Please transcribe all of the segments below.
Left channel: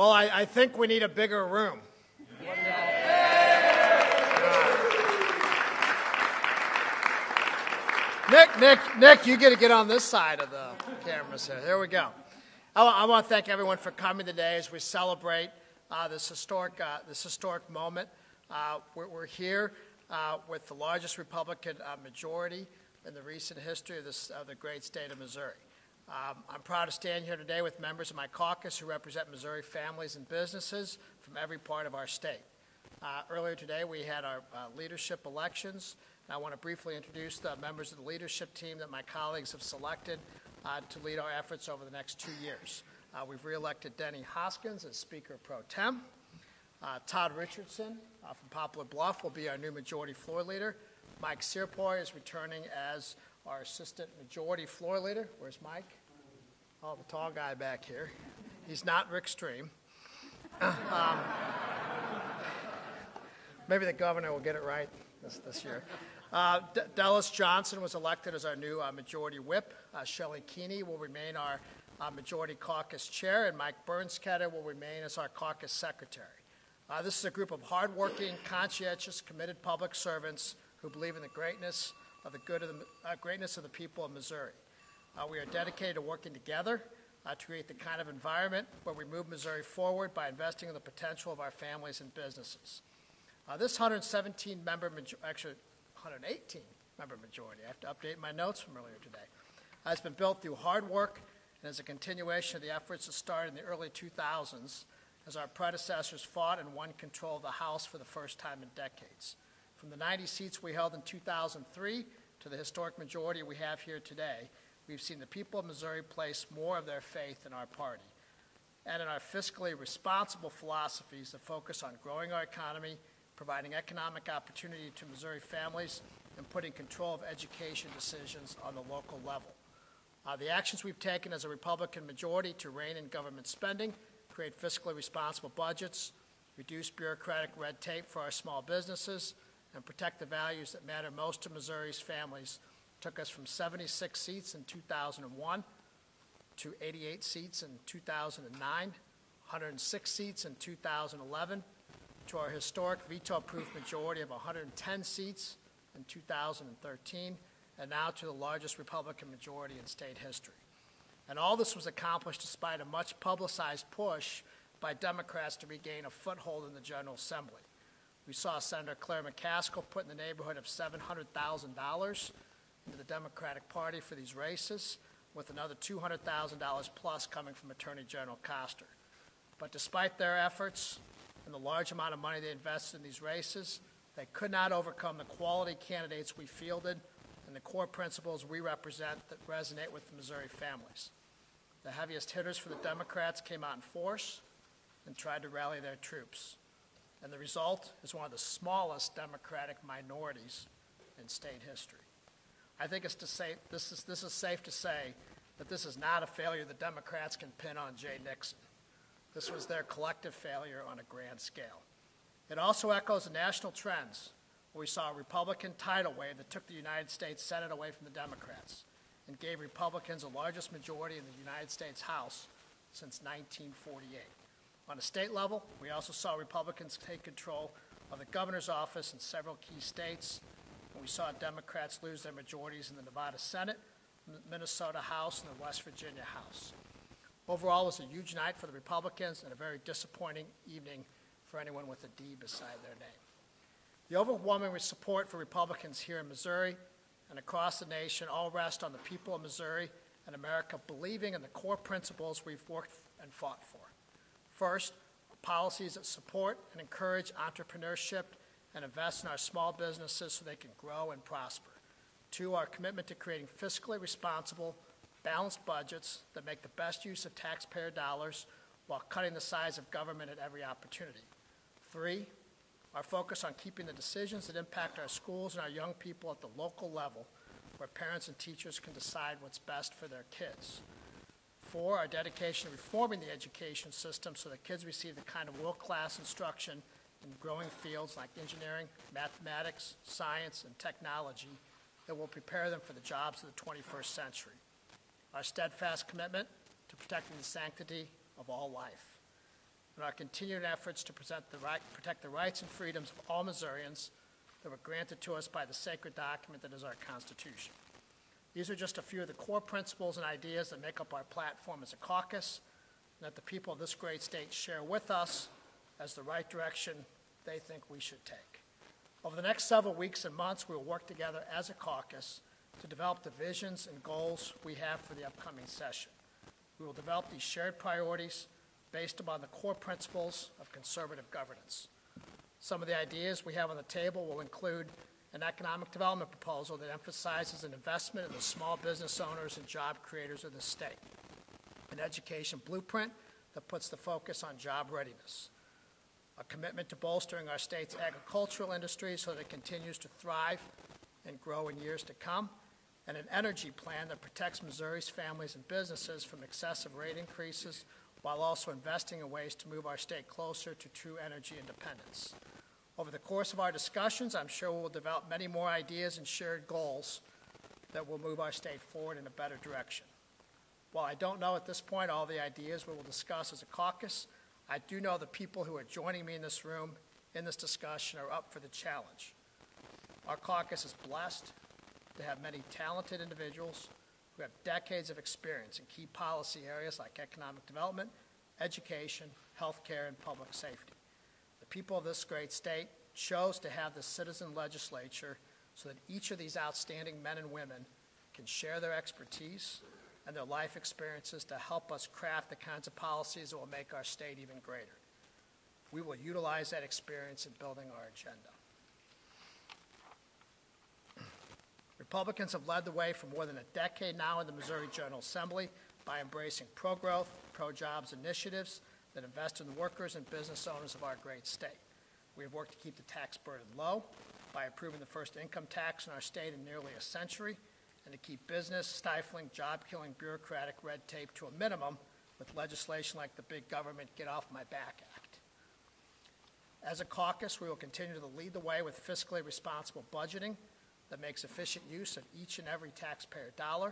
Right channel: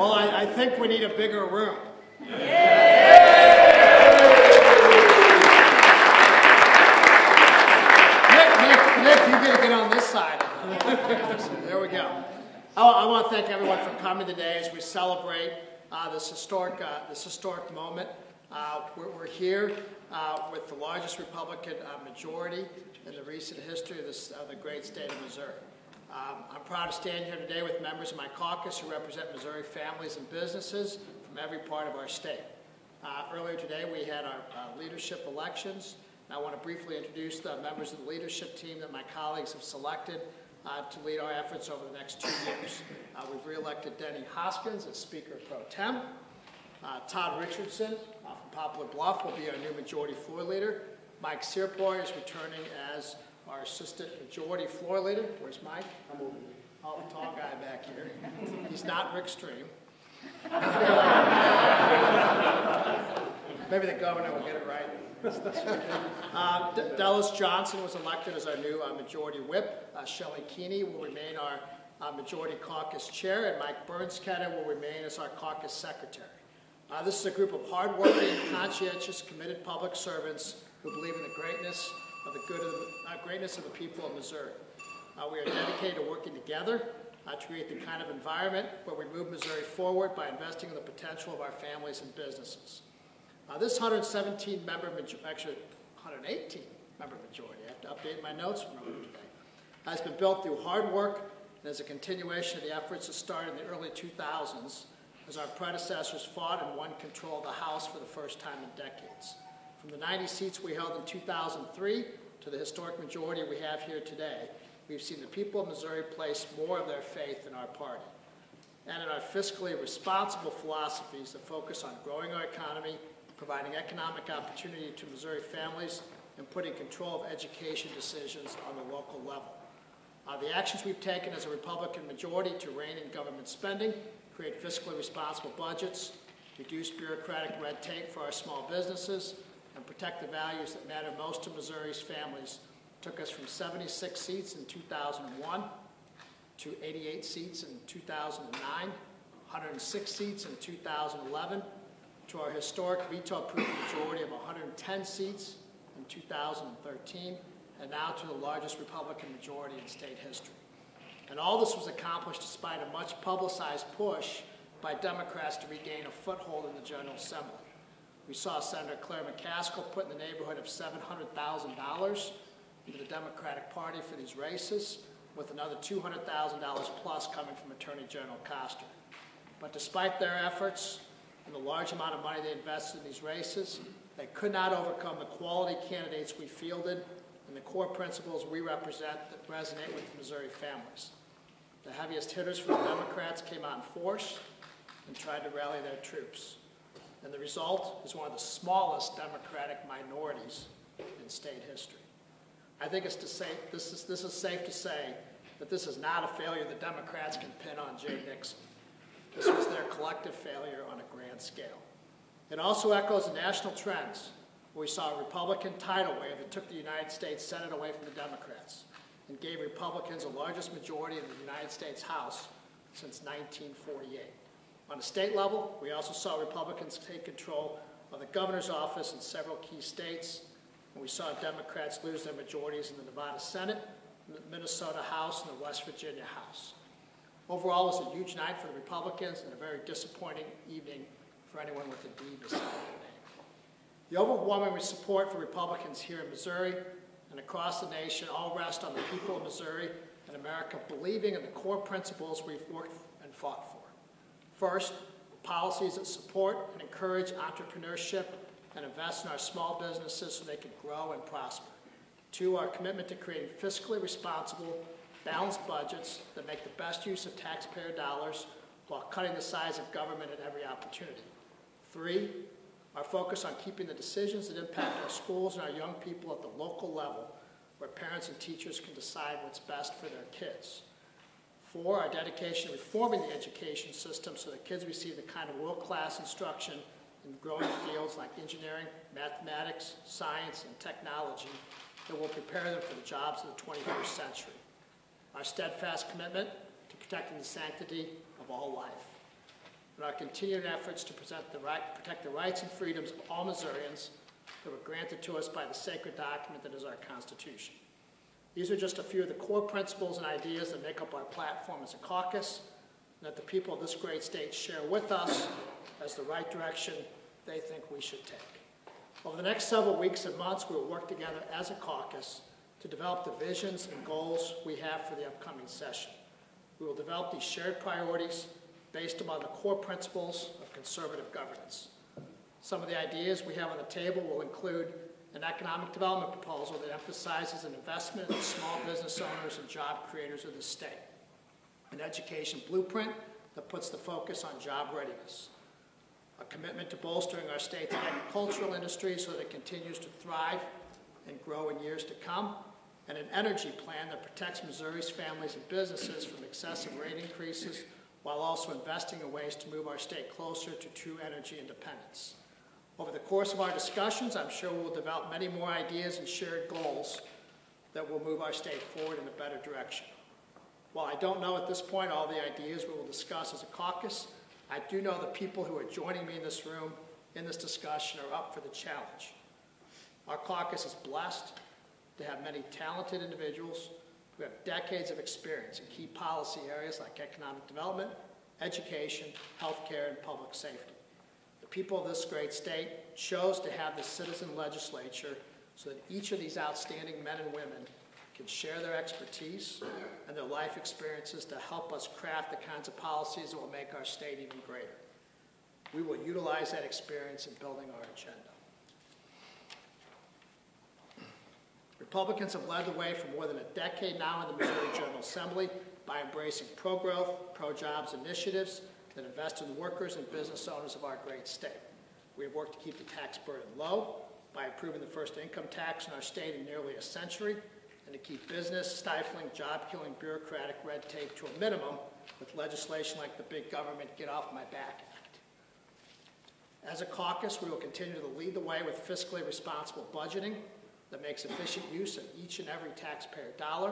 Well, I think we need a bigger room. Nick, you got to get on this side. There we go. I want to thank everyone for coming today as we celebrate this historic moment. We're here with the largest Republican majority in the recent history of the great state of Missouri. I'm proud to stand here today with members of my caucus who represent Missouri families and businesses from every part of our state. Earlier today we had our leadership elections. I want to briefly introduce the members of the leadership team that my colleagues have selected to lead our efforts over the next 2 years. We've re-elected Denny Hoskins as Speaker Pro Tem. Todd Richardson from Poplar Bluff will be our new Majority Floor Leader. Mike Searploy is returning as our Assistant Majority Floor Leader. Where's Mike? Oh, the tall guy back here. He's not Rick Stream. Maybe the governor will get it right. Dallas Johnson was elected as our new Majority Whip. Shelley Keeney will remain our Majority Caucus Chair, and Mike Bernsketa will remain as our Caucus Secretary. This is a group of hardworking, conscientious, committed public servants who believe in the greatness of the people of Missouri. We are dedicated to working together to create the kind of environment where we move Missouri forward by investing in the potential of our families and businesses. This 117-member, actually 118-member majority, I have to update my notes from earlier today, has been built through hard work and is a continuation of the efforts that started in the early 2000s as our predecessors fought and won control of the House for the first time in decades. From the 90 seats we held in 2003 to the historic majority we have here today, we've seen the people of Missouri place more of their faith in our party and in our fiscally responsible philosophies that focus on growing our economy, providing economic opportunity to Missouri families, and putting control of education decisions on the local level. The actions we've taken as a Republican majority to rein in government spending, create fiscally responsible budgets, reduce bureaucratic red tape for our small businesses, and protect the values that matter most to Missouri's families took us from 76 seats in 2001 to 88 seats in 2009, 106 seats in 2011, to our historic veto-proof majority of 110 seats in 2013, and now to the largest Republican majority in state history. And all this was accomplished despite a much publicized push by Democrats to regain a foothold in the General Assembly. We saw Senator Claire McCaskill put in the neighborhood of $700,000 into the Democratic Party for these races, with another $200,000 plus coming from Attorney General Koster. But despite their efforts and the large amount of money they invested in these races, they could not overcome the quality candidates we fielded and the core principles we represent that resonate with the Missouri families. The heaviest hitters for the Democrats came out in force and tried to rally their troops. And the result is one of the smallest Democratic minorities in state history. I think this is safe to say that this is not a failure the Democrats can pin on Jay Nixon. This was their collective failure on a grand scale. It also echoes the national trends, where we saw a Republican tidal wave that took the United States Senate away from the Democrats and gave Republicans the largest majority in the United States House since 1948. On a state level, we also saw Republicans take control of the governor's office in several key states, and we saw Democrats lose their majorities in the Nevada Senate, the Minnesota House, and the West Virginia House. Overall, it was a huge night for the Republicans and a very disappointing evening for anyone with a D beside their name. The overwhelming support for Republicans here in Missouri and across the nation all rest on the people of Missouri and America believing in the core principles we've worked and fought for. First, policies that support and encourage entrepreneurship and invest in our small businesses so they can grow and prosper. Two, our commitment to creating fiscally responsible, balanced budgets that make the best use of taxpayer dollars while cutting the size of government at every opportunity. Three, our focus on keeping the decisions that impact our schools and our young people at the local level, where parents and teachers can decide what's best for their kids. Four, our dedication to reforming the education system so that kids receive the kind of world-class instruction in growing fields like engineering, mathematics, science, and technology that will prepare them for the jobs of the 21st century. Our steadfast commitment to protecting the sanctity of all life. continued efforts to protect the rights and freedoms of all Missourians that were granted to us by the sacred document that is our Constitution. These are just a few of the core principles and ideas that make up our platform as a caucus, and that the people of this great state share with us as the right direction they think we should take. Over the next several weeks and months, we will work together as a caucus to develop the visions and goals we have for the upcoming session. We will develop these shared priorities based upon the core principles of conservative governance. Some of the ideas we have on the table will include an economic development proposal that emphasizes an investment in the small business owners and job creators of the state, an education blueprint that puts the focus on job readiness, a commitment to bolstering our state's agricultural industry so that it continues to thrive and grow in years to come, and an energy plan that protects Missouri's families and businesses from excessive rate increases while also investing in ways to move our state closer to true energy independence. Over the course of our discussions, I'm sure we'll develop many more ideas and shared goals that will move our state forward in a better direction. While I don't know at this point all the ideas we will discuss as a caucus, I do know the people who are joining me in this room in this discussion are up for the challenge. Our caucus is blessed to have many talented individuals who have decades of experience in key policy areas like economic development, education, healthcare, and public safety. The people of this great state chose to have this citizen legislature so that each of these outstanding men and women can share their expertise and their life experiences to help us craft the kinds of policies that will make our state even greater. We will utilize that experience in building our agenda. Republicans have led the way for more than a decade now in the Missouri General Assembly by embracing pro-growth, pro-jobs initiatives that invest in the workers and business owners of our great state. We have worked to keep the tax burden low by approving the first income tax in our state in nearly a century, and to keep business-stifling, job-killing bureaucratic red tape to a minimum with legislation like the Big Government Get Off My Back Act. As a caucus, we will continue to lead the way with fiscally responsible budgeting that makes efficient use of each and every taxpayer dollar.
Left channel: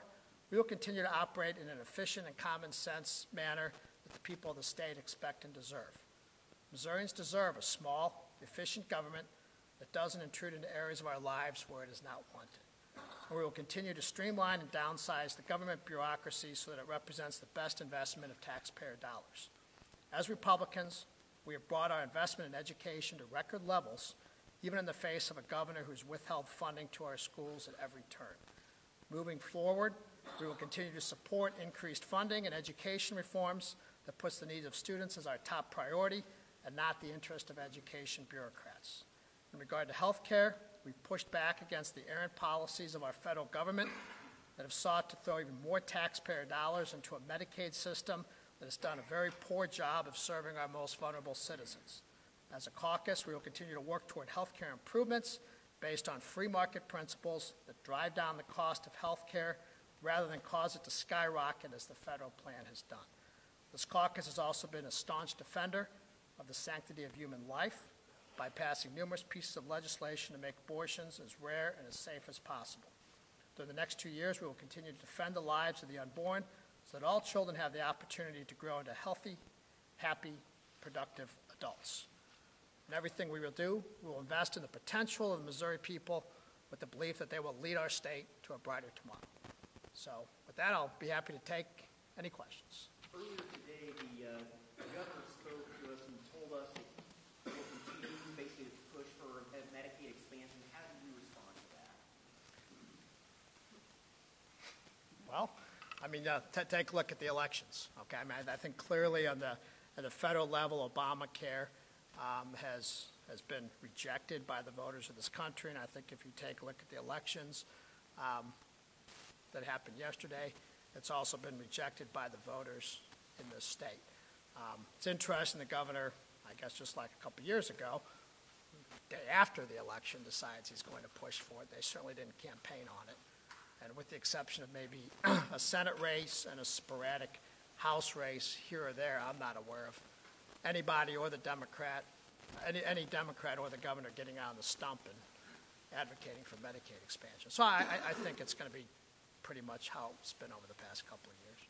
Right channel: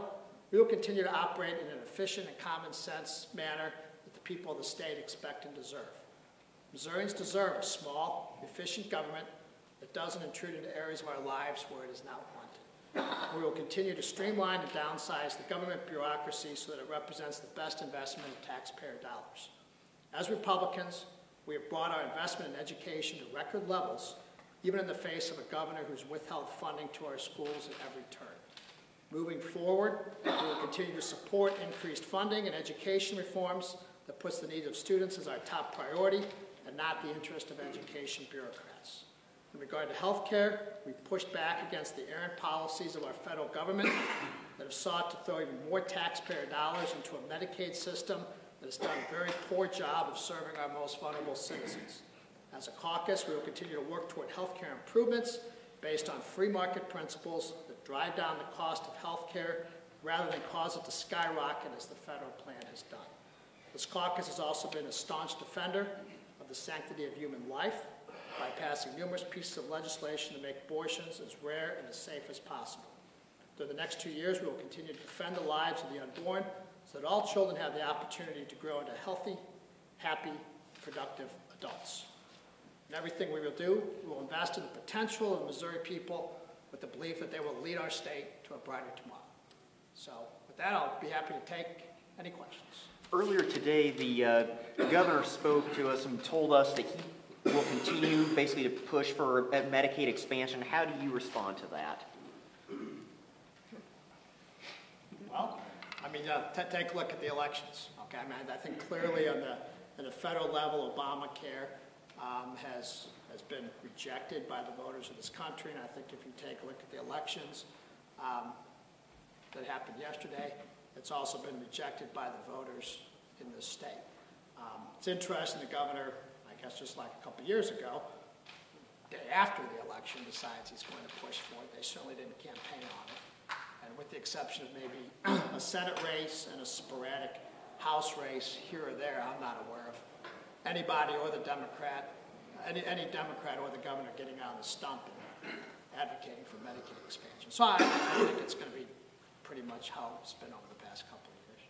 We will continue to operate in an efficient and common sense manner that the people of the state expect and deserve. Missourians deserve a small, efficient government that doesn't intrude into areas of our lives where it is not wanted. We will continue to streamline and downsize the government bureaucracy so that it represents the best investment of taxpayer dollars. As Republicans, we have brought our investment in education to record levels, even in the face of a governor who's withheld funding to our schools at every turn. Moving forward, we will continue to support increased funding and education reforms that puts the needs of students as our top priority and not the interest of education bureaucrats. In regard to health care, we've pushed back against the errant policies of our federal government that have sought to throw even more taxpayer dollars into a Medicaid system that has done a very poor job of serving our most vulnerable citizens. As a caucus, we will continue to work toward health care improvements based on free market principles that drive down the cost of health care rather than cause it to skyrocket as the federal plan has done. This caucus has also been a staunch defender of the sanctity of human life by passing numerous pieces of legislation to make abortions as rare and as safe as possible. Through the next 2 years, we will continue to defend the lives of the unborn so that all children have the opportunity to grow into healthy, happy, productive adults. In everything we will do, we will invest in the potential of the Missouri people with the belief that they will lead our state to a brighter tomorrow. So with that, I'll be happy to take any questions. Earlier today, the governor spoke to us and told us that he will continue basically to push for Medicaid expansion. How do you respond to that? Well, I mean, take a look at the elections. Okay, I mean, I think clearly on the federal level, Obamacare has been rejected by the voters of this country, and I think if you take a look at the elections that happened yesterday, it's also been rejected by the voters in this state. It's interesting the governor, I guess just like a couple years ago, the day after the election decides he's going to push for it. They certainly didn't campaign on it. And with the exception of maybe a Senate race and a sporadic House race here or there, I'm not aware of anybody or the Democrat, any Democrat or the governor getting on the stump and advocating for Medicaid expansion. So I think it's going to be pretty much how it's been over the past couple of years.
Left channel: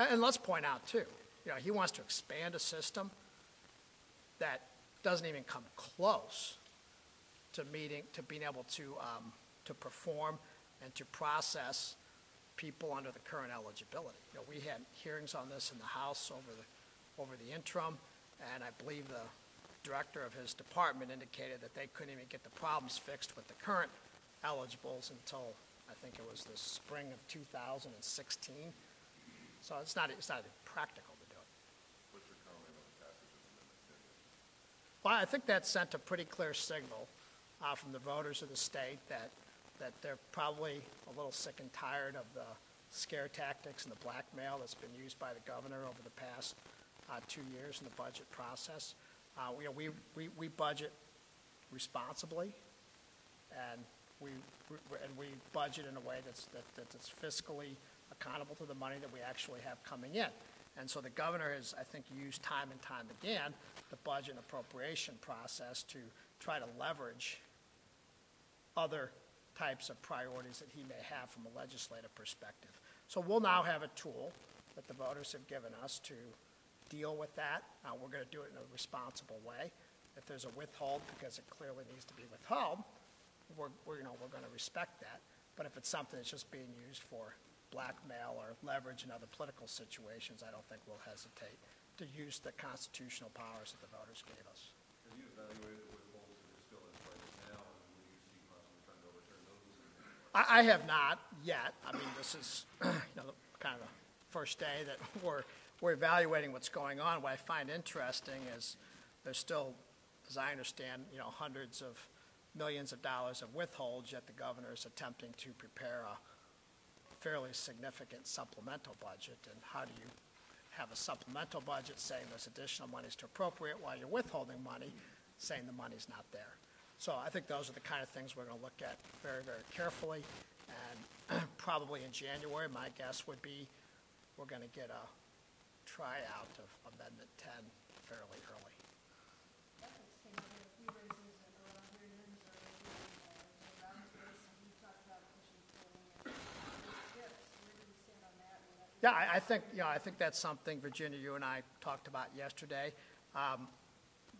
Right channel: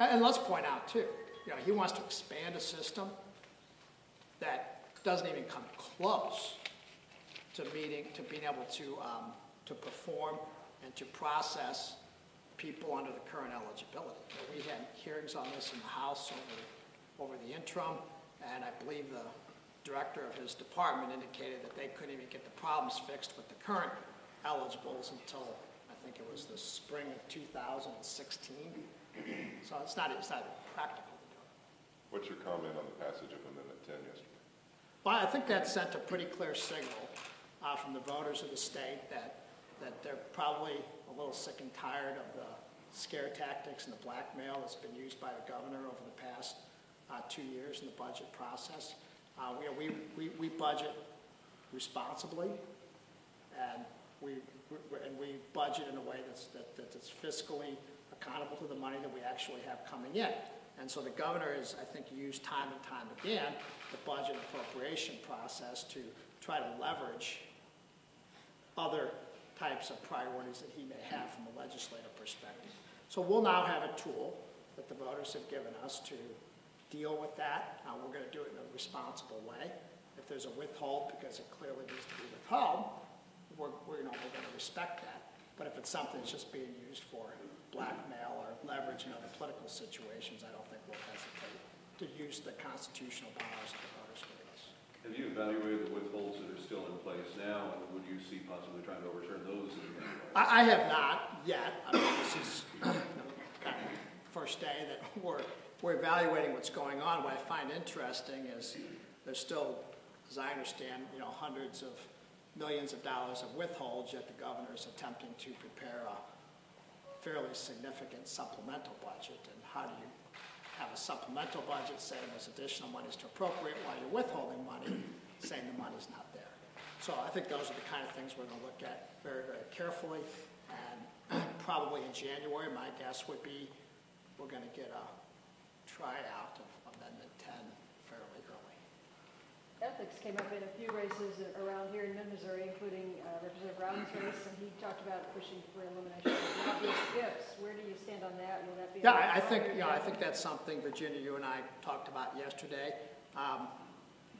And let's point out, too, he wants to expand a system that doesn't even come close to being able to perform and to process people under the current eligibility. We had hearings on this in the House over the interim, and I believe the director of his department indicated that they couldn't even get the problems fixed with the current eligibles until I think it was the spring of 2016. So it's not even practical to do it. What's your comment on the passage of Amendment 10 yesterday? Well, I think that sent a pretty clear signal from the voters of the state that they're probably a little sick and tired of the scare tactics and the blackmail that's been used by the governor over the past 2 years in the budget process. We budget responsibly, and we budget in a way that's fiscally accountable to the money that we actually have coming in. And so the governor has, I think, used time and time again the budget appropriation process to try to leverage other types of priorities that he may have from a legislative perspective. So we'll now have a tool that the voters have given us to deal with that. We're going to do it in a responsible way. If there's a withhold because it clearly needs to be withheld, we're going to respect that. But if it's something that's just being used for blackmail or leverage in other political situations, I don't think we'll hesitate to use the constitutional powers that the voters give us. Have you evaluated the withholds that are still in place now, and would you see possibly trying to overturn those? I have not yet. I mean, this is kind of the first day that we're evaluating what's going on. What I find interesting is there's still, as I understand, hundreds of millions of dollars of withholds, yet the governor is attempting to prepare a fairly significant supplemental budget. And how do you have a supplemental budget saying there's additional monies to appropriate while you're withholding money, saying the money's not there? So I think those are the kind of things we're going to look at very, very carefully. And probably in January, my guess would be we're going to get a tryout of Amendment 10 fairly early. Ethics came up in a few races around here in Missouri, including Representative Brown's race, and he talked about pushing for elimination of obvious gifts. Where do you stand on that? Will that be? Yeah, I think that's something, Virginia, you and I talked about yesterday.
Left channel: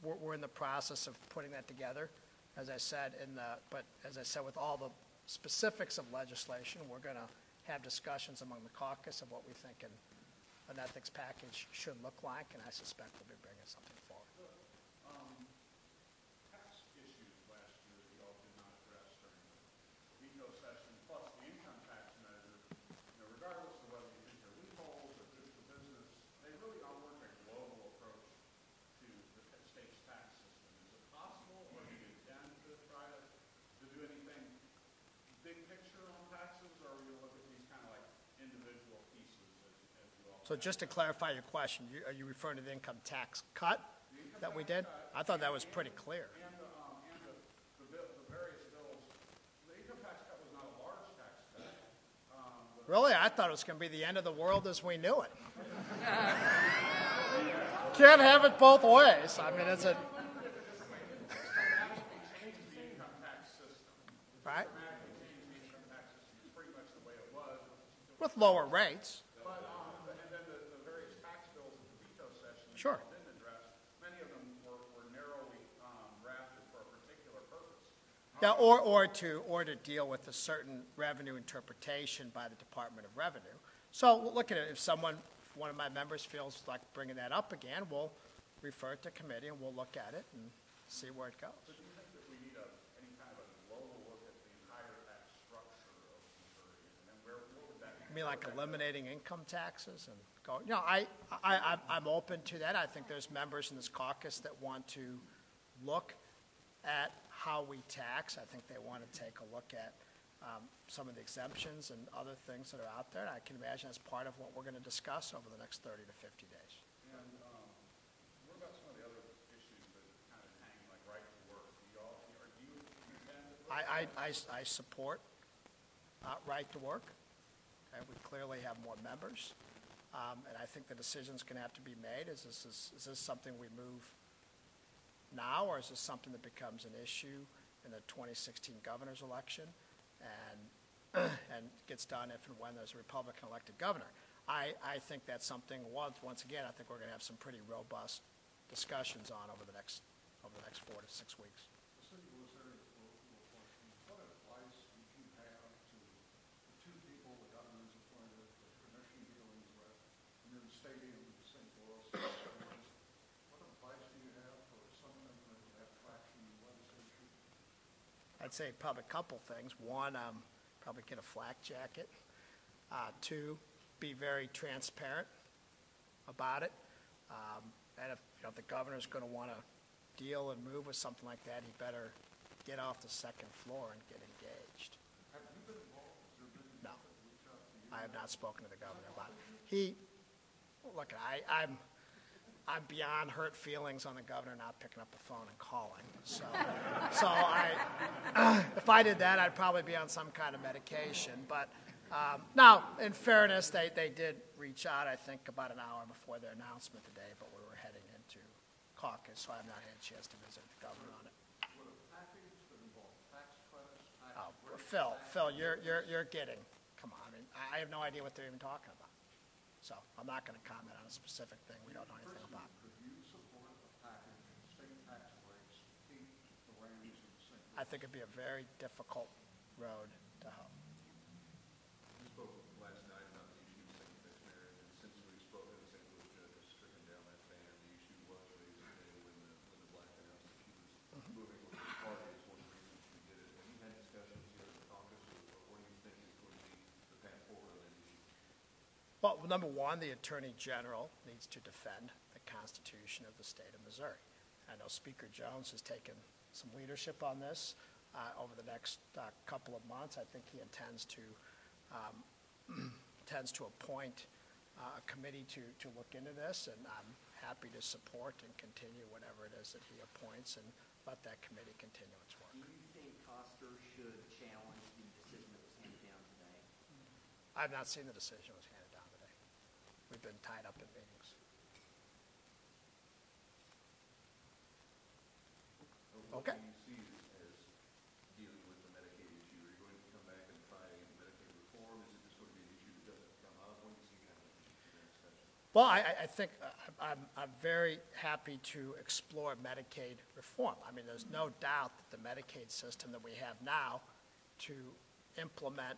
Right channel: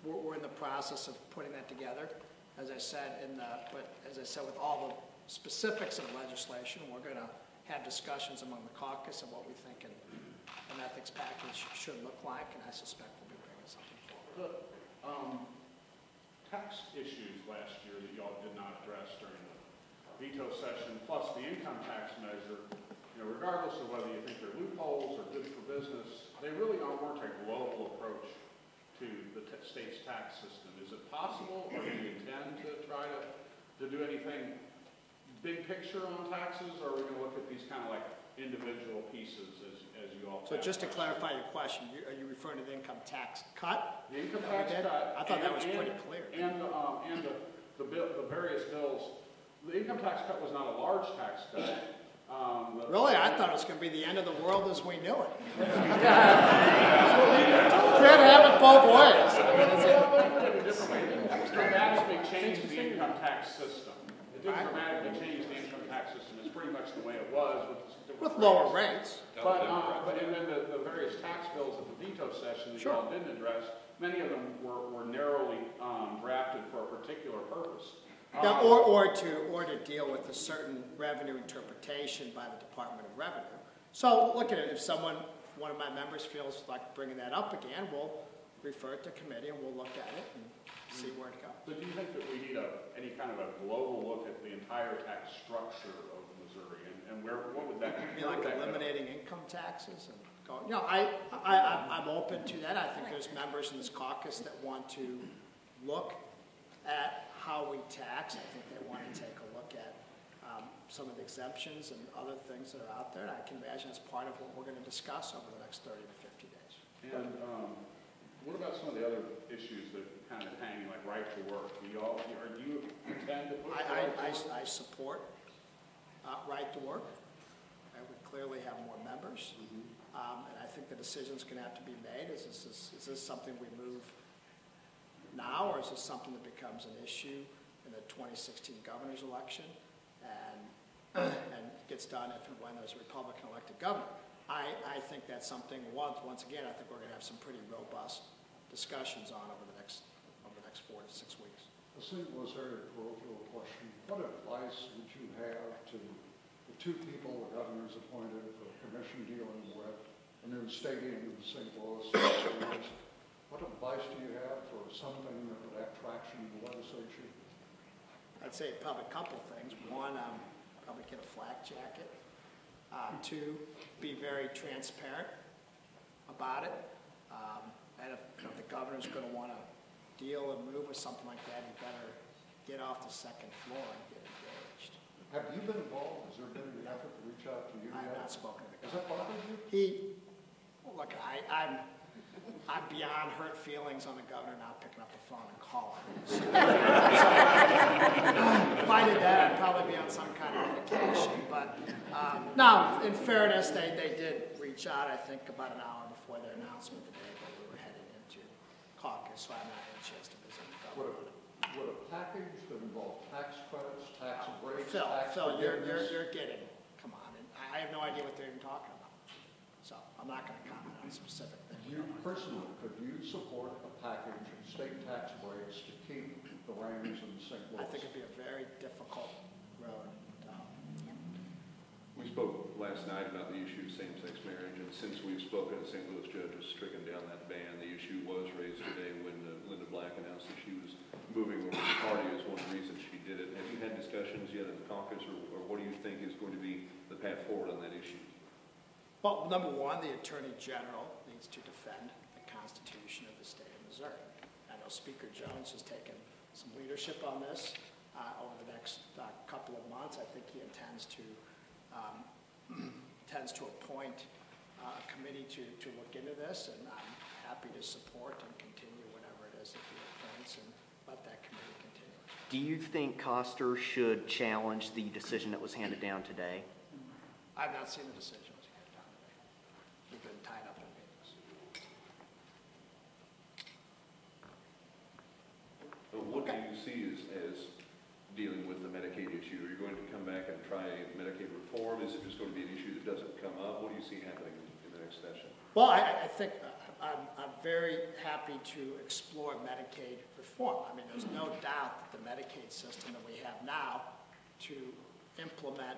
We're in the process of putting that together, as I said, with all the specifics of legislation, we're going to have discussions among the caucus of what we think an ethics package should look like, and I suspect we'll be bringing something forward. Tax issues last year that y'all did not address during the veto session, plus the income tax measure, regardless of whether you think they're loopholes or good for business, they really weren't a global approach to the state's tax system. Is it possible, or do you intend to try to do anything big picture on taxes, or are we going to look at these kind of like individual pieces as you all? So just to clarify your question, are you referring to the income tax cut? The income that tax we did? cut. I thought that was pretty clear. And the various bills. The income tax cut was not a large tax cut. Really? I thought it was going to be the end of the world as we knew it. Can't have it both ways. I mean, it's dramatically changed the income tax system. It didn't dramatically change the income tax system. It's pretty much the way it was. With lower rates. But and then the various tax bills at the veto session that you all didn't address, many of them were narrowly drafted for a particular purpose. Yeah, or to deal with a certain revenue interpretation by the Department of Revenue. So look at it. If one of my members feels like bringing that up again, we'll refer it to committee and we'll look at it and see where it goes. So do you think that we need any kind of a global look at the entire tax structure of Missouri, and what would that? You mean like eliminating income taxes and going? No, I'm open to that. I think there's members in this caucus that want to look at how we tax. I think they want to take a look at some of the exemptions and other things that are out there. And I can imagine as part of what we're going to discuss over the next 30 to 50 days. And what about some of the other issues that kind of hang, like right to work? Do you intend to push I support right to work. We clearly have more members. And I think the decision's going to have to be made. Is this something we move now, or is this something that becomes an issue in the 2016 governor's election and gets done if and when there's a Republican-elected governor? I think that's something, once again, I think we're going to have some pretty robust discussions on over the next 4 to 6 weeks. A single very parochial question. What advice would you have to the two people the governor's appointed for the commission dealing with a new stadium in St. Louis? What advice do you have for something that would have traction in the legislature? I'd say probably a couple things. One, probably get a flak jacket. Two, be very transparent about it. And if the governor's going to want to deal and move with something like that, he better get off the second floor and get engaged. Have you been involved? Has there been an effort to reach out to you? I have not spoken to the Has that governor. bothered you? Look, I'm beyond hurt feelings on the governor not picking up the phone and calling. So, if I did that, I'd probably be on some kind of medication. But no, in fairness, they did reach out, I think, about an hour before their announcement today, but we were heading into caucus, so I have not had a chance to visit the governor. Would a package that involved tax credits, tax breaks, Phil, tax you're forgiveness? getting, come on, and I have no idea what they're even talking about. So I'm not going to comment on a specific thing. We You don't know. personally, could you support a package of state tax breaks to keep the reins in St. Louis? I think it'd be a very difficult road to hoe. We spoke last night about the issue of same-sex marriage, and since we've spoken, the St. Louis judge has stricken down that ban. The issue was raised today when Linda Black announced that she was moving over to the party as one reason she did it. Have you had discussions yet in the caucus, or what do you think is going to be the path forward on that issue? Well, number one, the Attorney General needs to defend the Constitution of the state of Missouri. I know Speaker Jones has taken some leadership on this over the next couple of months. I think he intends to appoint a committee to look into this, and I'm happy to support and continue whatever it is that he appoints and let that committee continue. Do you think Koster should challenge the decision that was handed down today? I've not seen the decision that was handed down today. We've been tied up in meetings. What do you see as dealing with the Medicaid issue? Are you going to come back and try Medicaid reform? Is it just going to be an issue that doesn't come up? What do you see happening in the next session? Well, I think I'm very happy to explore Medicaid reform. I mean, there's no doubt that the Medicaid system that we have now to implement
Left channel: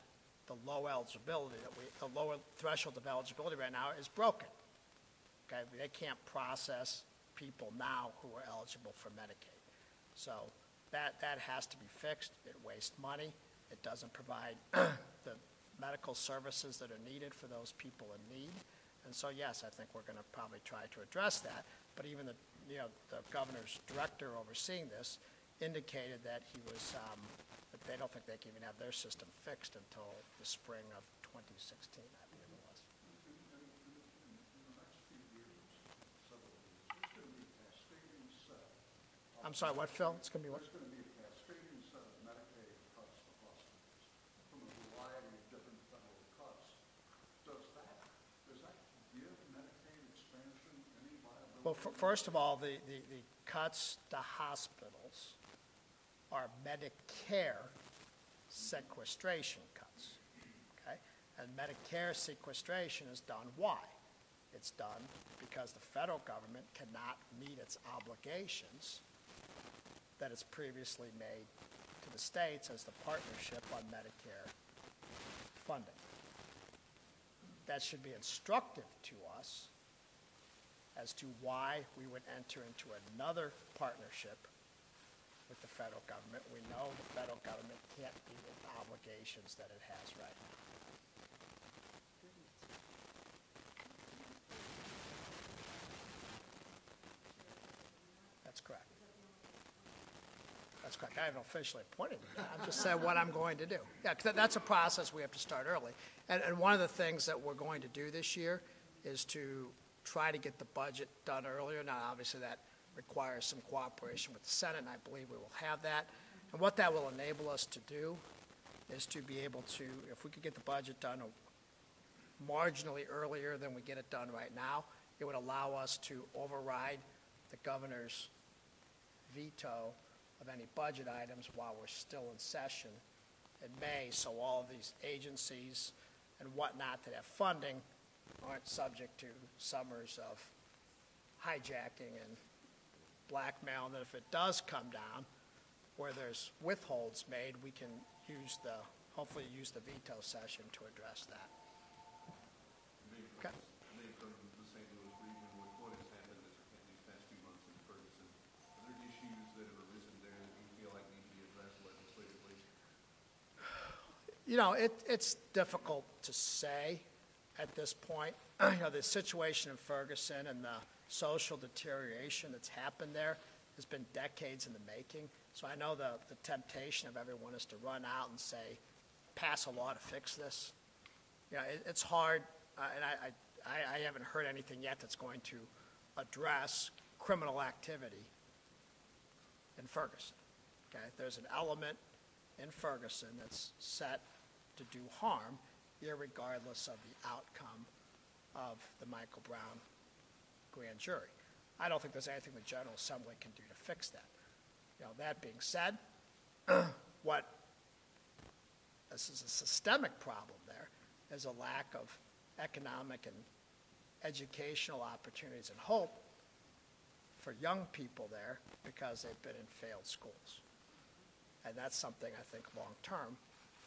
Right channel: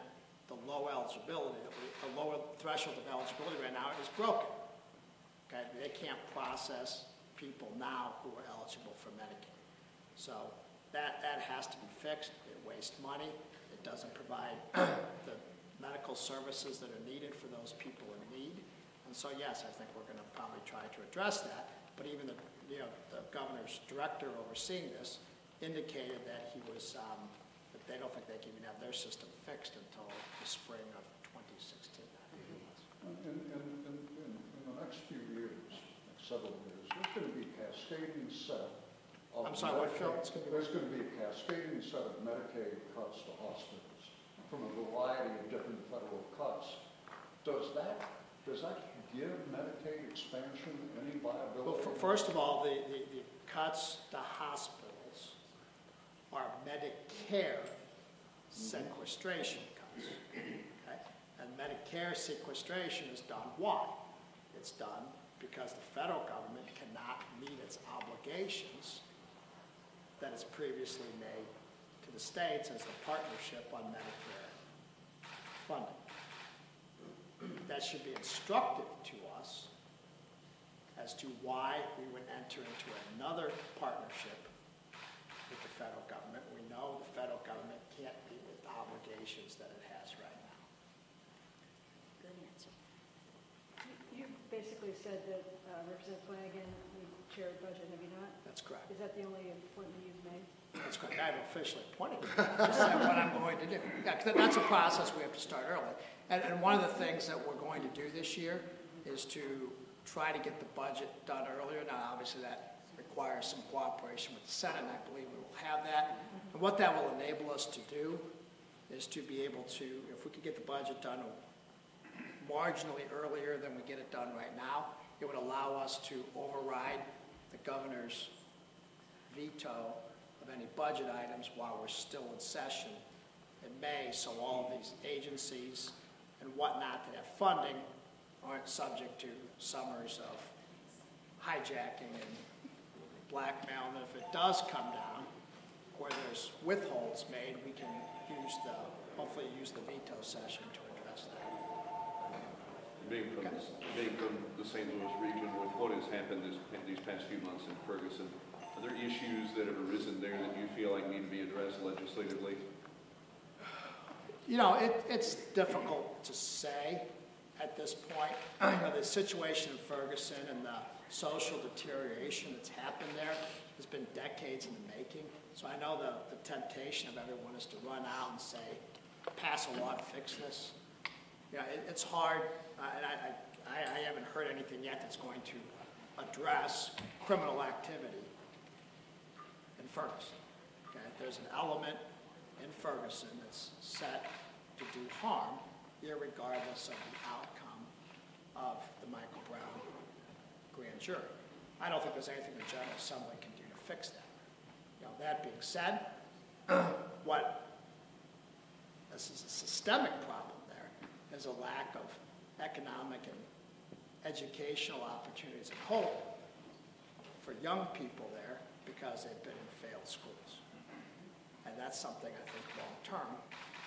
the low eligibility, the lower threshold of eligibility right now is broken. Okay, they can't process people now who are eligible for Medicaid. So that has to be fixed. It wastes money. It doesn't provide the medical services that are needed for those people in need. And so, yes, I think we're going to probably try to address that. But even the governor's director overseeing this indicated that he was that they don't think they can even have their system fixed until the spring of 2016. In the next few years, several years, there's going to be a cascading set of I'm sorry, what, Phil? There's going to be a cascading set of Medicaid cuts to hospitals from a variety of different federal cuts. Does that give Medicaid expansion any viability? Well, first of all, the cuts to hospitals are Medicare sequestration cuts. Okay? And Medicare sequestration is done why? It's done because the federal government cannot meet its obligations that it's previously made to the states as the partnership on Medicare funding. That should be instructive to us as to why we would enter into another partnership with the federal government. We know the federal government can't meet the obligations that it has right now. Good answer. You basically said that Mr. Flanagan would chair the budget, have you not? That's correct. Is that the only appointment you've made? That's correct. I haven't officially appointed him. I just said what I'm going to do. Yeah, 'cause that's a process we have to start early. And one of the things that we're going to do this year is to try to get the budget done earlier. Now, obviously, that requires some cooperation with the Senate, and I believe we will have that. And what that will enable us to do is to be able to, if we could get the budget done marginally earlier than we get it done right now, it would allow us to override the governor's veto of any budget items while we're still in session in May, so all of these agencies and whatnot that have funding aren't subject to summers of hijacking and blackmail, and if it does come down, where there's withholds made, we can hopefully use the veto session to address that. Being from the St. Louis region, with what has happened these past few months in Ferguson, are there issues that have arisen there that you feel like need to be addressed legislatively? You know, it's difficult to say at this point. You know, the situation in Ferguson and the social deterioration that's happened there has been decades in the making. So I know the temptation of everyone is to run out and say, pass a law to fix this. You know, it's hard, and I haven't heard anything yet that's going to address criminal activity in Ferguson. Okay? There's an element in Ferguson that's set to do harm, irregardless of the outcome of the Michael Brown grand jury. I don't think there's anything the General Assembly can do to fix that. You know, that being said, this is a systemic problem there, is a lack of economic and educational opportunities and hope for young people there because they've been in failed schools. And that's something I think long-term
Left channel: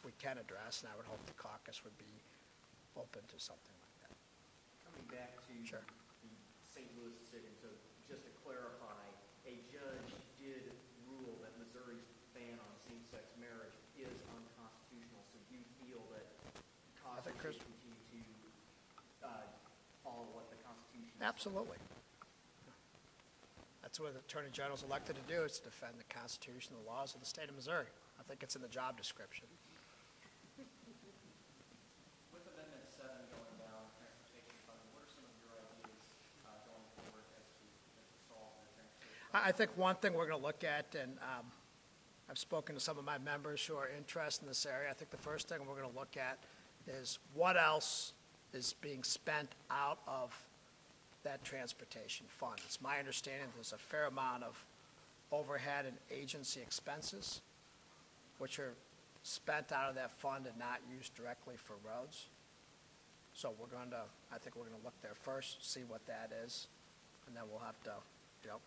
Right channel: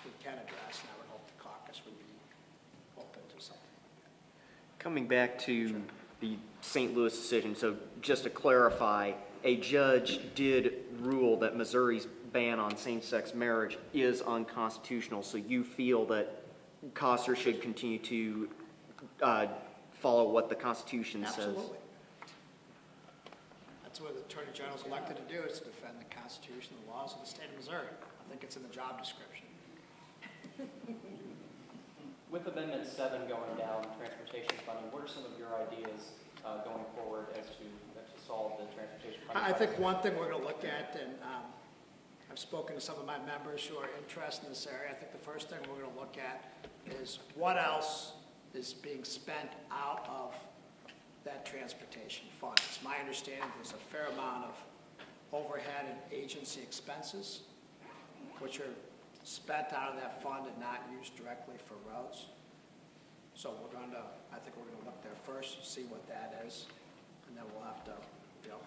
we can address, and I would hope the caucus would be open to something like that. Coming back to the St. Louis decision, so just to clarify, a judge did rule that Missouri's ban on same-sex marriage is unconstitutional, so you feel that Koster should continue to follow what the Constitution says? Absolutely. That's what the Attorney General is elected to do, is to defend the Constitution and the laws of the state of Missouri. I think it's in the job description. With Amendment 7 going down, transportation funding, what are some of your ideas going forward as to solve the transportation funding? I think one thing we're going to look at, and I've spoken to some of my members who are interested in this area, I think the first thing we're going to look at is what else is being spent out of that transportation fund. It's my understanding there's a fair amount of overhead and agency expenses which are spent out of that fund and not used directly for roads. So I think we're going to look there first, see what that is, and then we'll have to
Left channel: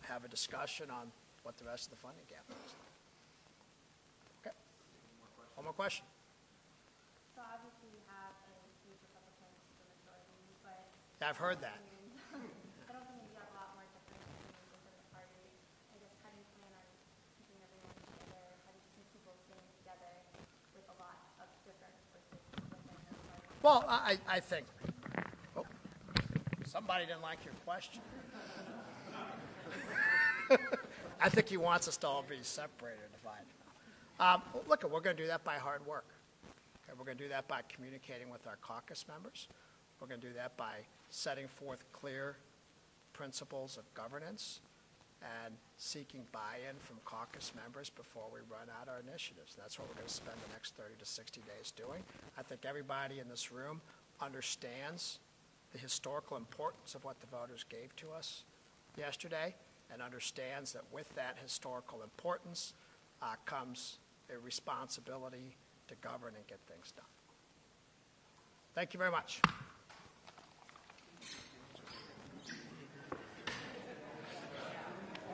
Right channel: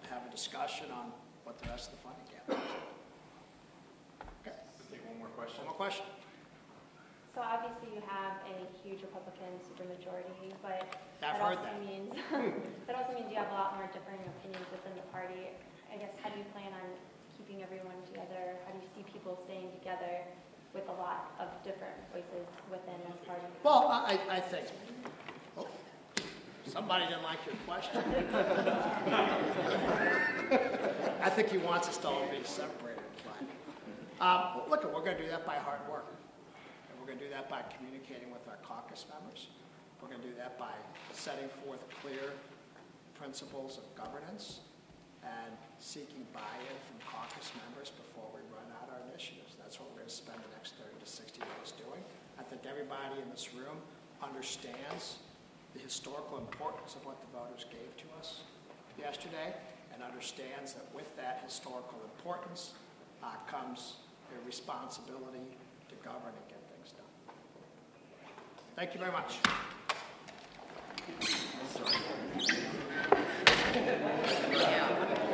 have a discussion on what the rest of the funding gap is. Okay. Take one more question. One more question. So obviously you have a huge Republican supermajority, but I've heard that. That also means you have a lot more differing opinions within the party. I guess, how do you plan on keeping everyone together? How do you see people staying together with a lot of different voices within the party? Well, I think somebody didn't like your question. I think he wants us to all be separated. But look, we're going to do that by hard work. And we're going to do that by communicating with our caucus members. We're going to do that by setting forth clear principles of governance and seeking buy-in from caucus members before we run out our initiatives. That's what we're going to spend the next 30 to 60 days doing. I think everybody in this room understands the historical importance of what the voters gave to us yesterday and understands that with that historical importance comes a responsibility to govern and get things done. Thank you very much. Yeah.